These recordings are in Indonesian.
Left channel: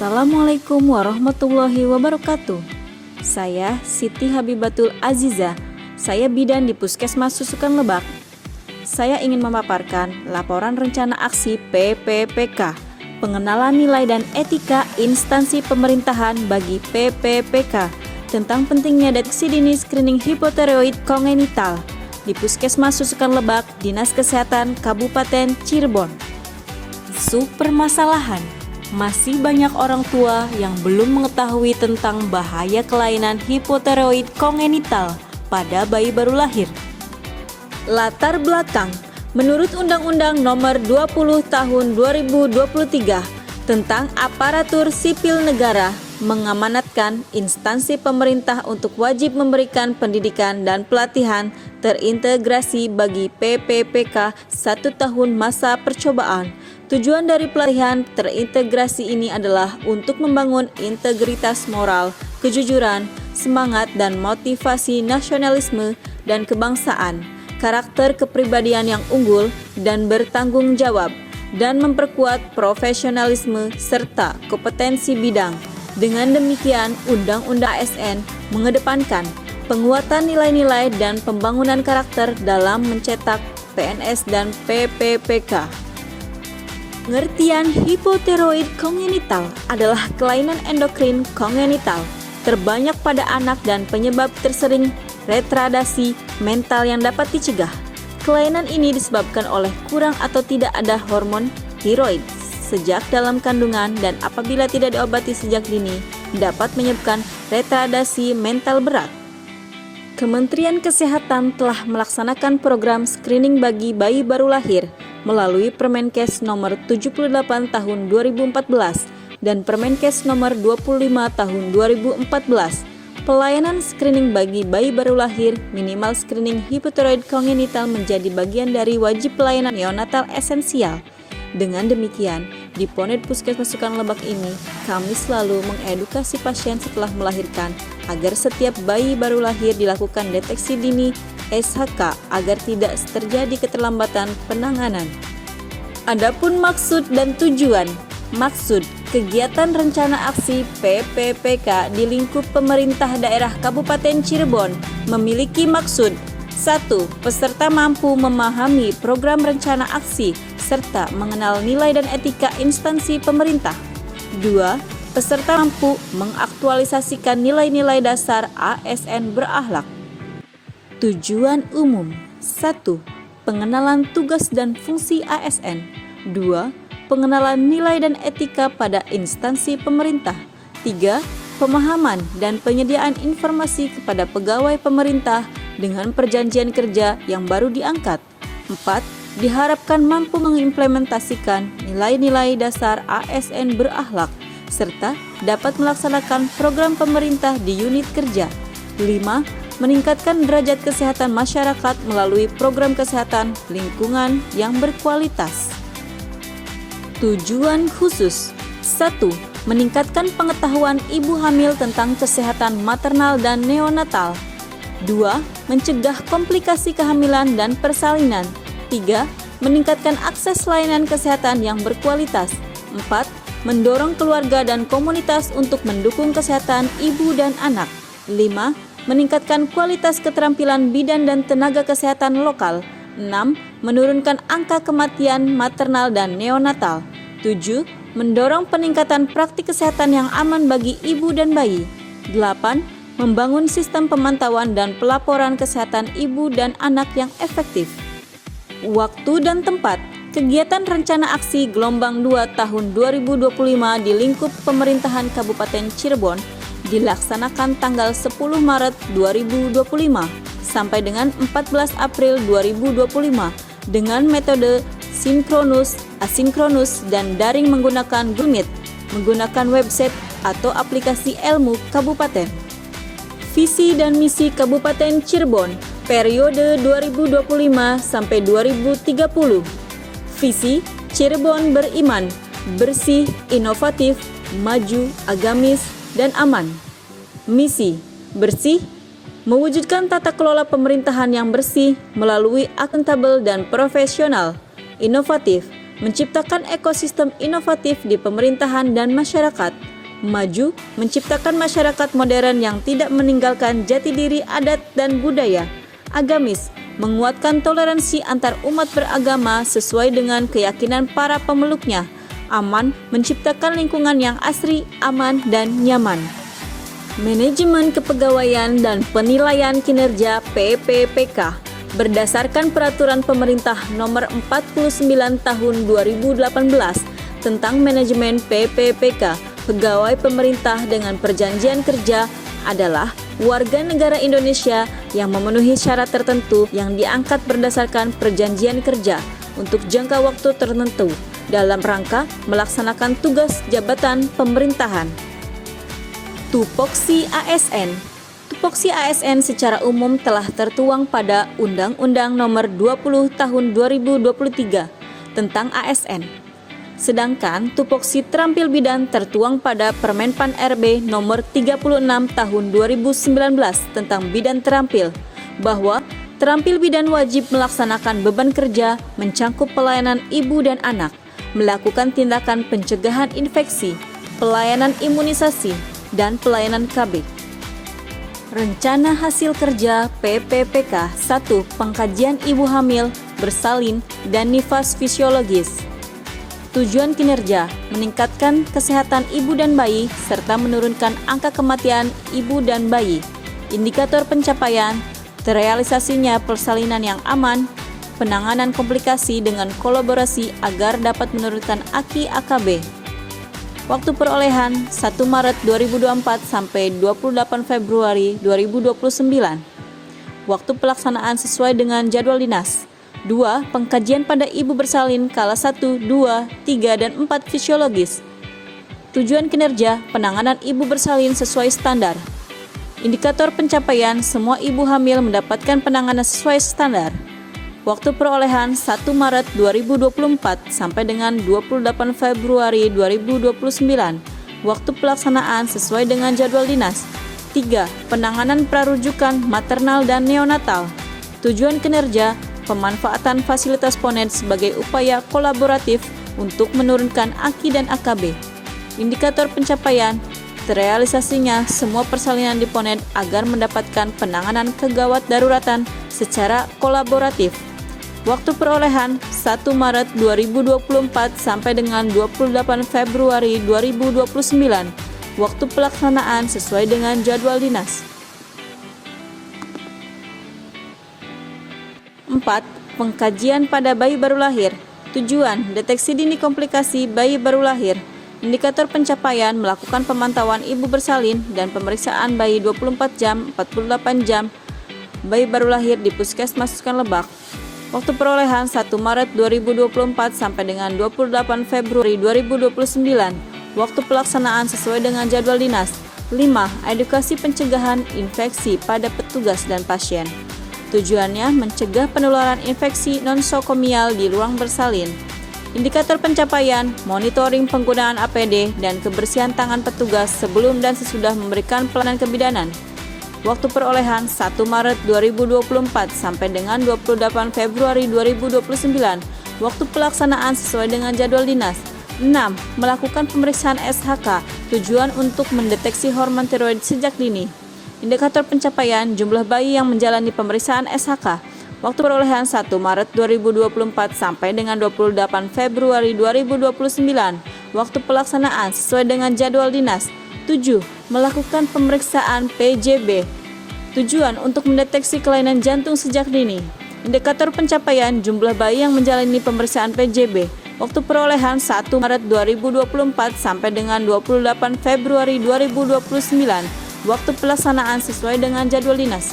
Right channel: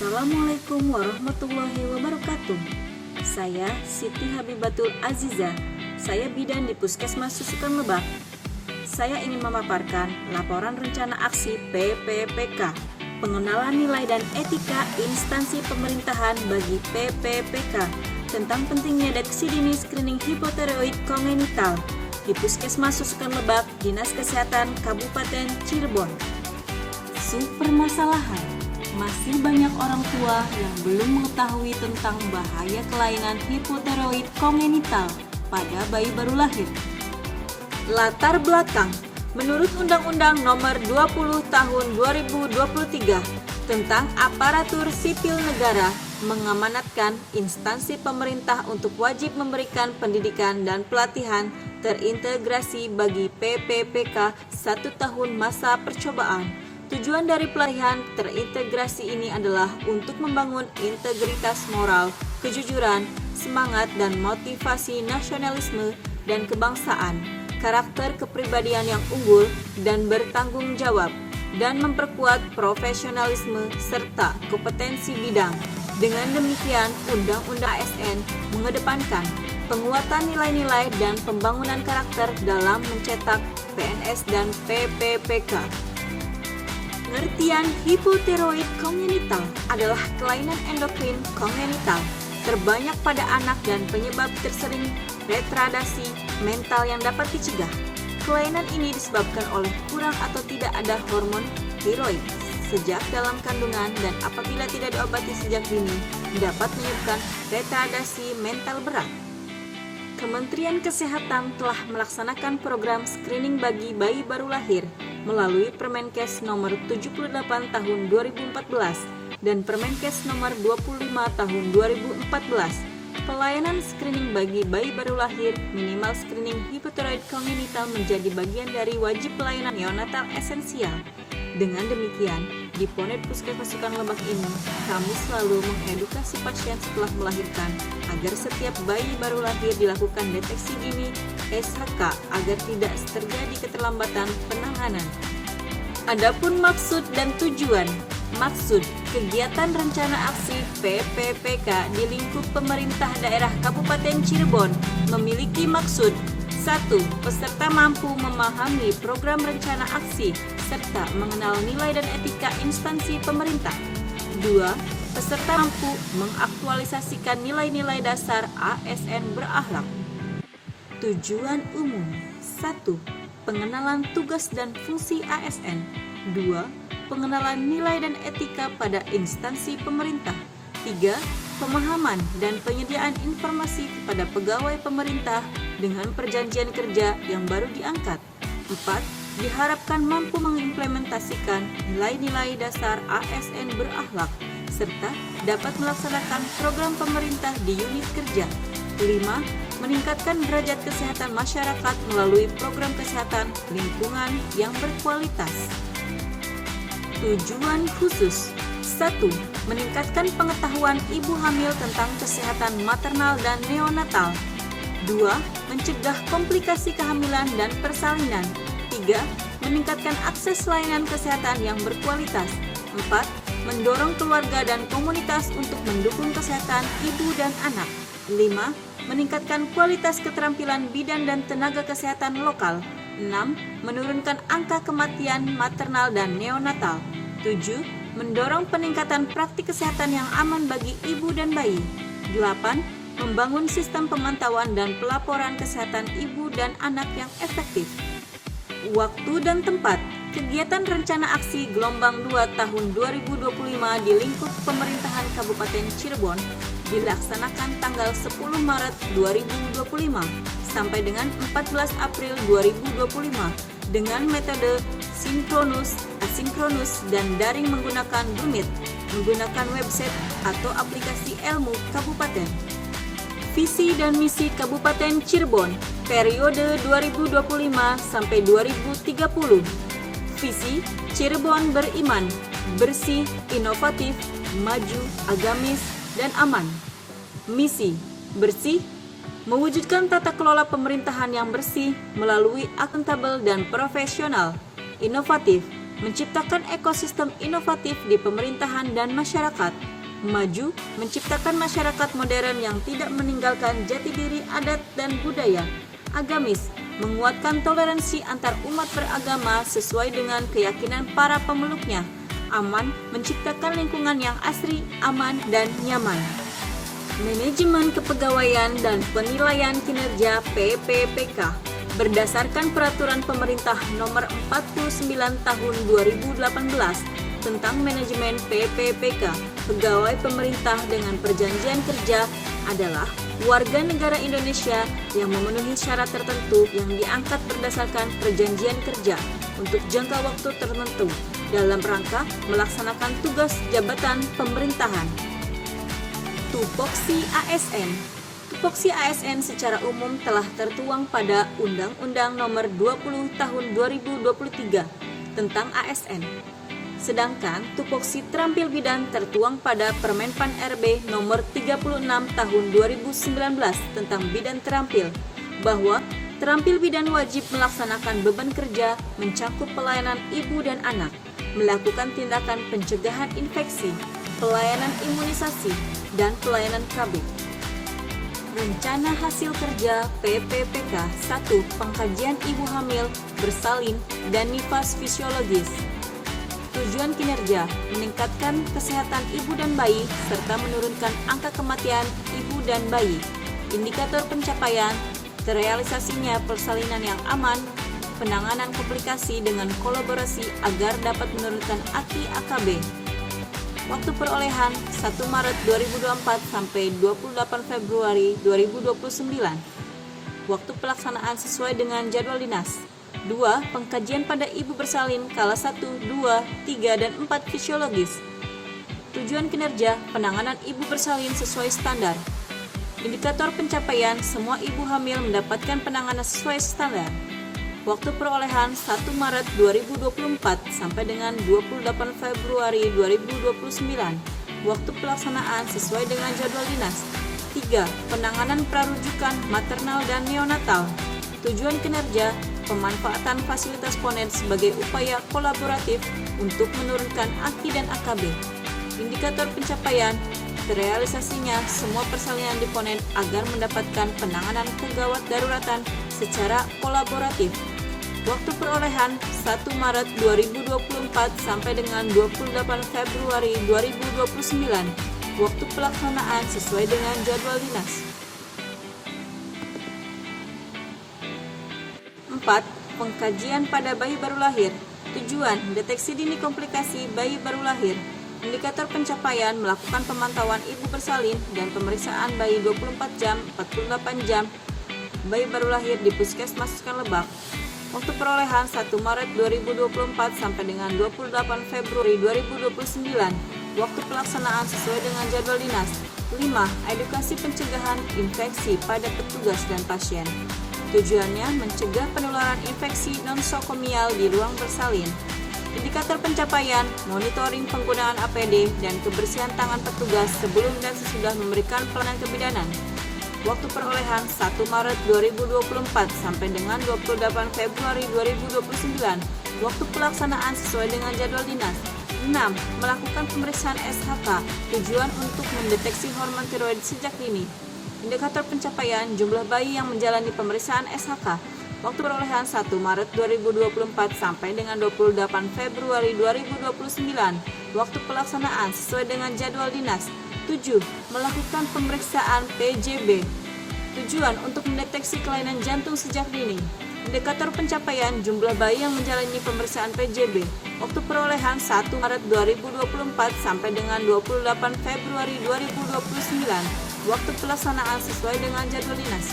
Assalamualaikum warahmatullahi wabarakatuh. Saya Siti Habibatul Aziza. Saya bidan di Puskesmas Susukan Lebak. Saya ingin memaparkan laporan rencana aksi PPPK, pengenalan nilai dan etika instansi pemerintahan bagi PPPK, tentang pentingnya deteksi dini screening hipotiroid kongenital di Puskesmas Susukan Lebak, Dinas Kesehatan Kabupaten Cirebon. Permasalahan, masih banyak orang tua yang belum mengetahui tentang bahaya kelainan hipotiroid kongenital pada bayi baru lahir. Latar belakang, menurut Undang-Undang Nomor 20 Tahun 2023 tentang Aparatur Sipil Negara, mengamanatkan instansi pemerintah untuk wajib memberikan pendidikan dan pelatihan terintegrasi bagi PPPK 1 tahun masa percobaan. Tujuan dari pelatihan terintegrasi ini adalah untuk membangun integritas moral, kejujuran, semangat dan motivasi nasionalisme dan kebangsaan, karakter kepribadian yang unggul dan bertanggung jawab, dan memperkuat profesionalisme serta kompetensi bidang. Dengan demikian, Undang-Undang ASN mengedepankan penguatan nilai-nilai dan pembangunan karakter dalam mencetak PNS dan PPPK. Pengertian hipotiroid kongenital adalah kelainan endokrin kongenital terbanyak pada anak dan penyebab tersering retardasi mental yang dapat dicegah. Kelainan ini disebabkan oleh kurang atau tidak ada hormon tiroid sejak dalam kandungan, dan apabila tidak diobati sejak dini dapat menyebabkan retardasi mental berat. Kementerian Kesehatan telah melaksanakan program screening bagi bayi baru lahir melalui Permenkes nomor 78 tahun 2014 dan Permenkes nomor 25 tahun 2014. Pelayanan screening bagi bayi baru lahir minimal screening hipotiroid kongenital menjadi bagian dari wajib pelayanan neonatal esensial. Dengan demikian, di Ponet Puskesmas Susukan Lebak ini, kami selalu mengedukasi pasien setelah melahirkan agar setiap bayi baru lahir dilakukan deteksi dini SHK agar tidak terjadi keterlambatan penanganan. Adapun maksud dan tujuan. Maksud kegiatan rencana aksi PPPK di lingkup pemerintah daerah Kabupaten Cirebon memiliki maksud: 1. Peserta mampu memahami program rencana aksi serta mengenal nilai dan etika instansi pemerintah. 2. Peserta mampu mengaktualisasikan nilai-nilai dasar ASN berakhlak. Tujuan umum: 1. Pengenalan tugas dan fungsi ASN. 2. Pengenalan nilai dan etika pada instansi pemerintah. 3. Pemahaman dan penyediaan informasi kepada pegawai pemerintah dengan perjanjian kerja yang baru diangkat. 4. Diharapkan mampu mengimplementasikan nilai-nilai dasar ASN berakhlak serta dapat melaksanakan program pemerintah di unit kerja. 5. Meningkatkan derajat kesehatan masyarakat melalui program kesehatan lingkungan yang berkualitas. Tujuan khusus: 1. Meningkatkan pengetahuan ibu hamil tentang kesehatan maternal dan neonatal. 2. Mencegah komplikasi kehamilan dan persalinan. 3. Meningkatkan akses layanan kesehatan yang berkualitas. 4. Mendorong keluarga dan komunitas untuk mendukung kesehatan ibu dan anak. 5. Meningkatkan kualitas keterampilan bidan dan tenaga kesehatan lokal. 6. Menurunkan angka kematian maternal dan neonatal. 7. Mendorong peningkatan praktik kesehatan yang aman bagi ibu dan bayi. 8. Membangun sistem pemantauan dan pelaporan kesehatan ibu dan anak yang efektif. Waktu dan tempat. Kegiatan rencana aksi gelombang 2 tahun 2025 di lingkup pemerintahan Kabupaten Cirebon dilaksanakan tanggal 10 Maret 2025 sampai dengan 14 April 2025 dengan metode sinkronus, asinkronus, dan daring menggunakan Google Meet, menggunakan website atau aplikasi Ilmu Kabupaten. Visi dan misi Kabupaten Cirebon periode 2025 sampai 2030. Visi: Cirebon beriman, bersih, inovatif, maju, agamis, dan aman. Misi: bersih, mewujudkan tata kelola pemerintahan yang bersih melalui akuntabel dan profesional. Inovatif: menciptakan ekosistem inovatif di pemerintahan dan masyarakat. Maju, menciptakan masyarakat modern yang tidak meninggalkan jati diri adat dan budaya. Agamis, menguatkan toleransi antar umat beragama sesuai dengan keyakinan para pemeluknya. Aman, menciptakan lingkungan yang asri, aman, dan nyaman. Manajemen Kepegawaian dan Penilaian Kinerja (PPPK) berdasarkan Peraturan Pemerintah Nomor 49 Tahun 2018 tentang manajemen PPPK, pegawai pemerintah dengan perjanjian kerja adalah warga negara Indonesia yang memenuhi syarat tertentu yang diangkat berdasarkan perjanjian kerja untuk jangka waktu tertentu dalam rangka melaksanakan tugas jabatan pemerintahan. Tupoksi ASN. Tupoksi ASN secara umum telah tertuang pada Undang-Undang Nomor 20 Tahun 2023 tentang ASN. Sedangkan tupoksi terampil bidan tertuang pada Permenpan RB Nomor 36 Tahun 2019 tentang bidan terampil, bahwa terampil bidan wajib melaksanakan beban kerja mencangkup pelayanan ibu dan anak, melakukan tindakan pencegahan infeksi, pelayanan imunisasi, dan pelayanan KB. Rencana Hasil Kerja PPPK 1. Pengkajian ibu hamil, bersalin, dan nifas fisiologis. Tujuan kinerja, meningkatkan kesehatan ibu dan bayi, serta menurunkan angka kematian ibu dan bayi. Indikator pencapaian, terrealisasinya persalinan yang aman, penanganan komplikasi dengan kolaborasi agar dapat menurunkan AKI AKB. Waktu perolehan 1 Maret 2024 sampai 28 Februari 2029. Waktu pelaksanaan sesuai dengan jadwal dinas. 2. Pengkajian pada ibu bersalin kala 1, 2, 3, dan 4 fisiologis. Tujuan kinerja, penanganan ibu bersalin sesuai standar. Indikator pencapaian, semua ibu hamil mendapatkan penanganan sesuai standar. Waktu perolehan 1 Maret 2024 sampai dengan 28 Februari 2029. Waktu pelaksanaan sesuai dengan jadwal dinas. 3. Penanganan prarujukan maternal dan neonatal. Tujuan kinerja, pemanfaatan fasilitas Ponet sebagai upaya kolaboratif untuk menurunkan AKI dan AKB. Indikator pencapaian, terrealisasinya semua persalinan di Ponet agar mendapatkan penanganan kegawat daruratan secara kolaboratif. Waktu perolehan 1 Maret 2024 sampai dengan 28 Februari 2029. Waktu pelaksanaan sesuai dengan jadwal dinas. 4. Pengkajian pada bayi baru lahir. Tujuan, deteksi dini komplikasi bayi baru lahir. Indikator pencapaian, melakukan pemantauan ibu bersalin dan pemeriksaan bayi 24 jam, 48 jam bayi baru lahir di Puskesmas Sukan Lebak. Waktu perolehan 1 Maret 2024 sampai dengan 28 Februari 2029. Waktu pelaksanaan sesuai dengan jadwal dinas. 5. Edukasi pencegahan infeksi pada petugas dan pasien. Tujuannya mencegah penularan infeksi nosokomial di ruang bersalin. Indikator pencapaian, monitoring penggunaan APD dan kebersihan tangan petugas sebelum dan sesudah memberikan pelayanan kebidanan. Waktu perolehan 1 Maret 2024 sampai dengan 28 Februari 2029. Waktu pelaksanaan sesuai dengan jadwal dinas. 6. Melakukan pemeriksaan SHK, tujuan untuk mendeteksi hormon tiroid sejak dini. Indikator pencapaian, jumlah bayi yang menjalani pemeriksaan SHK. Waktu perolehan 1 Maret 2024 sampai dengan 28 Februari 2029. Waktu pelaksanaan sesuai dengan jadwal dinas. 7. Melakukan pemeriksaan PJB. Tujuan untuk mendeteksi kelainan jantung sejak dini. Indikator pencapaian, jumlah bayi yang menjalani pemeriksaan PJB. Waktu perolehan 1 Maret 2024 sampai dengan 28 Februari 2029. Waktu pelaksanaan sesuai dengan jadwal dinas.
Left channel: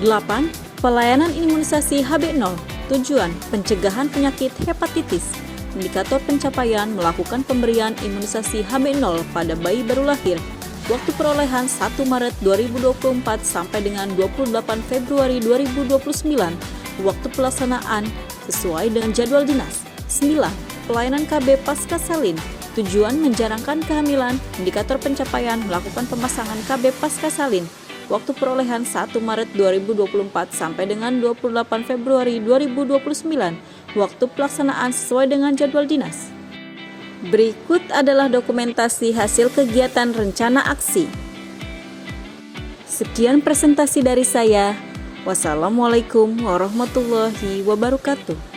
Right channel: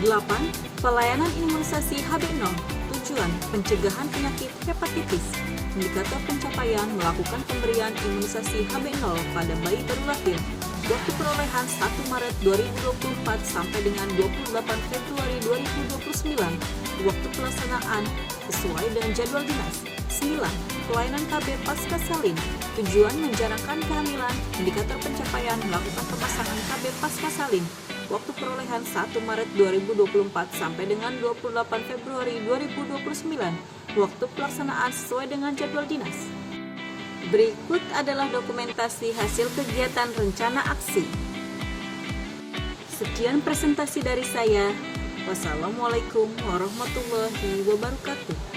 8. Pelayanan imunisasi HB0. Tujuan, pencegahan penyakit hepatitis. Indikator pencapaian, melakukan pemberian imunisasi HB0 pada bayi baru lahir. Waktu perolehan 1 Maret 2024 sampai dengan 28 Februari 2029. Waktu pelaksanaan sesuai dengan jadwal dinas. 9. Pelayanan KB pasca salin. Tujuan menjarangkan kehamilan. Indikator pencapaian, melakukan pemasangan KB pasca salin. waktu perolehan 1 Maret 2024 sampai dengan 28 Februari 2029, waktu pelaksanaan sesuai dengan jadwal dinas. Berikut adalah dokumentasi hasil kegiatan rencana aksi. Sekian presentasi dari saya. Wassalamualaikum warahmatullahi wabarakatuh.